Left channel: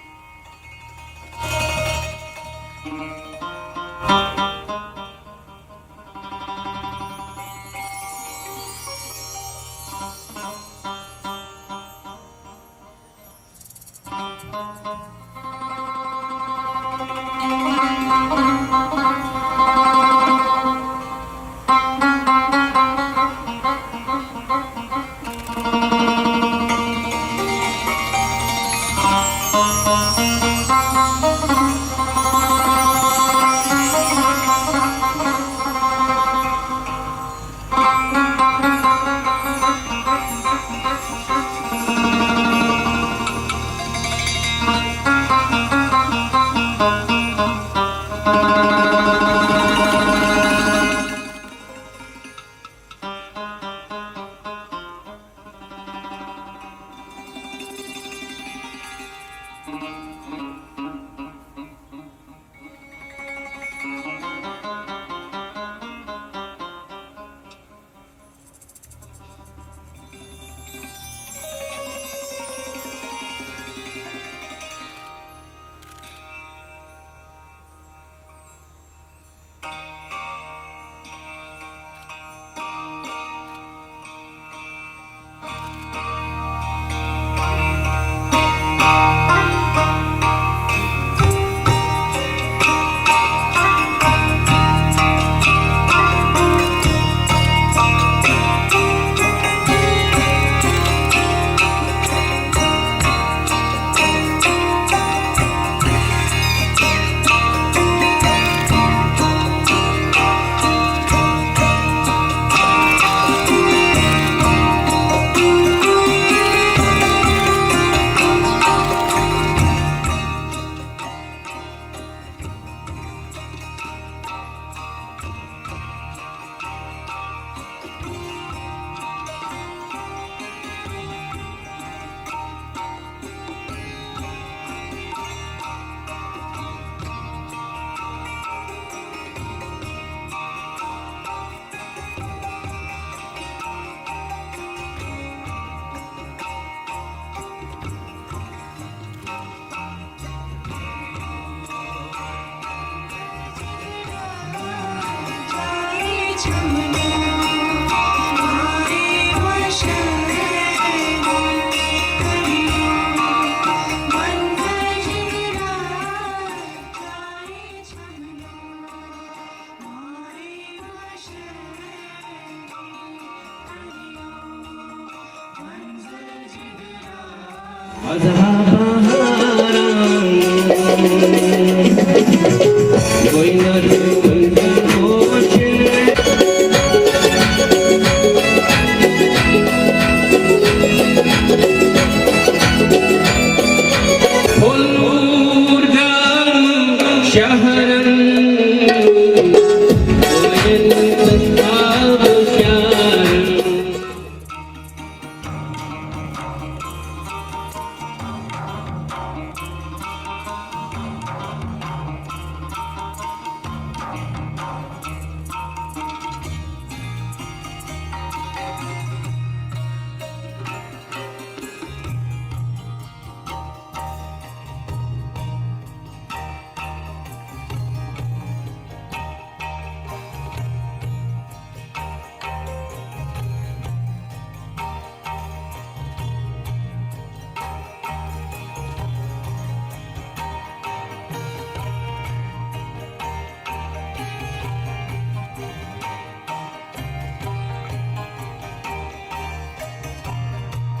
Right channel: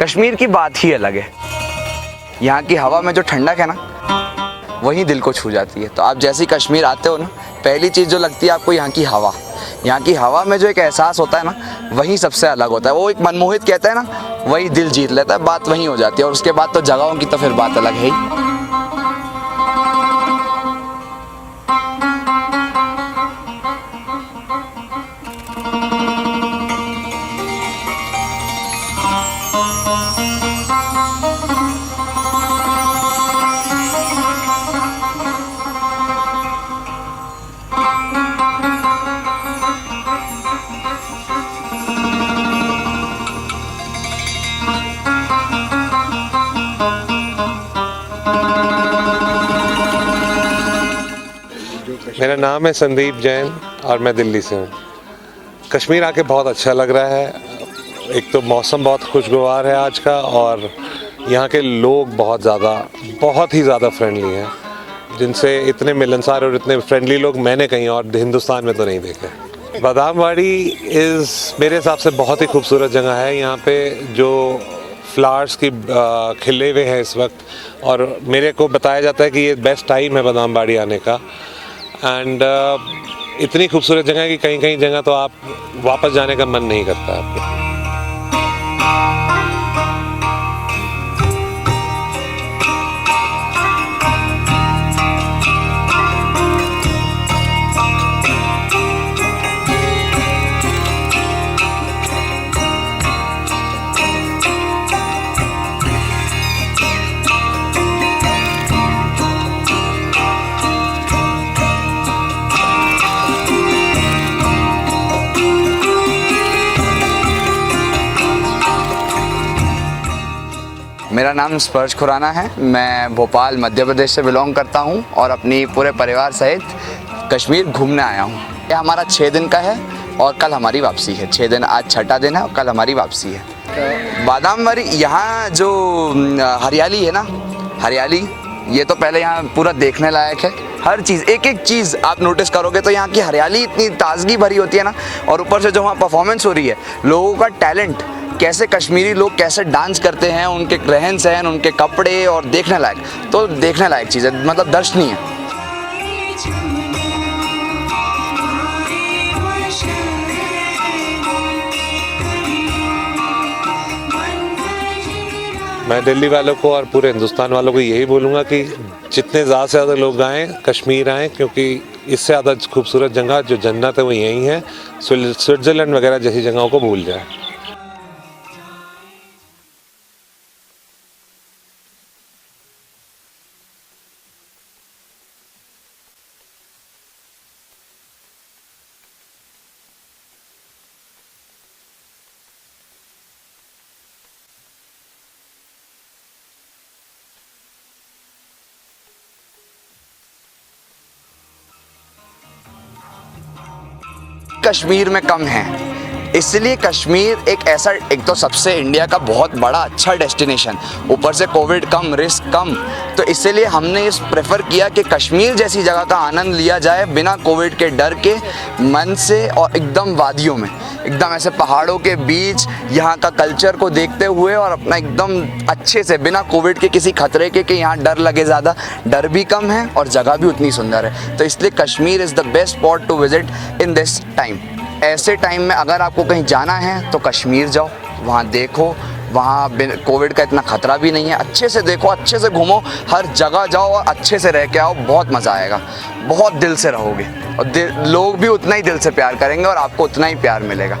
कश्मीर की बात ही अलग है। यहाँ की हवा में जो ठंडक है ना, वही दिल को छू जाती है। तो आप जैसे ही कश्मीर आते हो ना, पहली चीज़ जो लगती है आपको यहाँ की हवा। यहाँ की हवा में जो एक एहसास होता है ना, वही सबसे अलग होता है। वो एक मनमोहित कहते हैं ना, वही दिल जीत लेता है, बात वहीं हो जाती है। और उसके बाद तो जगहों की तो फिर बात अलग है ही। मेरा नाम है संदीप जैन और मैं दिल्ली से हूँ। कश्मीर आके बहुत अच्छा लग रहा है। एक तो मौसम बहुत खुशगवार है आज का, और यहाँ के लोग बहुत ही ज़्यादा फ्रेंडली हैं, जिनसे इतने मिलनसार और इतने फ्रेंडली लोग मैंने कहीं और हिंदुस्तान में तो नहीं देखे। बादामवाड़ी मेरे हिसाब से बहुत ही खूबसूरत जगह है। यहाँ पे जो फ्लावर्स की खिले हुए हैं इस वक्त, और मेरे को बताया जाता है कि ये बेस्ट टाइम है बादामवाड़ी आने का। एंड इतनी खूबसूरत जगह है कि कहीं कहीं जगह तो आप वापस जाने का मन नहीं करता आपको। मेरा नाम स्पर्श खुराना है। मैं भोपाल मध्य प्रदेश से बिलोंग करता हूँ और अपनी पूरे परिवार सहित कश्मीर घूमने आया हूँ। ये हमारा 6 दिन का है और कल हमारी वापसी है। 6 दिन, आज छठा दिन है और कल हमारी वापसी है। बादामवाड़ी, यहाँ जो हरियाली है ना, हरियाली, ये तो पहले यहाँ पूरा देखने लायक है। हर चीज़, एक एक चीज़ आप नोटिस करोगे तो यहाँ की हरियाली इतनी ताजगी भरी होती है ना। और ऊपर से जो वहाँ परफॉर्मेंस हो रही है, लोगों का टैलेंट, कैसे कश्मीरी लोग कैसे डांस करते हैं, उनके रहन सहन, उनके कपड़े, और देखने लायक चीज़ है, मतलब दर्शनीय है। मैं दिल्ली वालों को और पूरे हिंदुस्तान वालों को यही बोलूँगा कि जितने ज़्यादा से ज़्यादा लोग आएँ, कश्मीर आएँ, क्योंकि इससे ज़्यादा खूबसूरत जगह जो जन्नत है वो यहीं है। स्विट्ज़रलैंड वगैरह जैसी जगहों को भूल जाए। कश्मीर में कम है, इसलिए कश्मीर एक तो सबसे इंडिया का बहुत बड़ा अच्छा डेस्टिनेशन, ऊपर से कोविड कम, रिस्क कम, तो इसलिए हमने इस प्रेफर किया कि कश्मीर जैसी जगह का आनंद लिया जाए बिना कोविड के डर के, मन से, और एकदम वादियों में, एकदम ऐसे पहाड़ों के बीच, यहाँ का कल्चर को देखते हुए, और अपना एकदम अच्छे से, बिना कोविड के किसी खतरे के कि यहाँ डर लगे। ज़्यादा डर भी कम है और जगह भी उतनी सुंदर है। तो इसलिए Kashmir is the best spot to visit in this time. ऐसे टाइम में अगर आपको कहीं जाना है तो कश्मीर जाओ, वहाँ देखो, वहाँ कोविड का इतना खतरा भी नहीं है। अच्छे से देखो, अच्छे से घूमो, हर जगह जाओ और अच्छे से रह के आओ, बहुत मज़ा आएगा, बहुत दिल से रहोगे, और लोग भी उतना ही दिल से प्यार करेंगे और आपको उतना ही प्यार मिलेगा।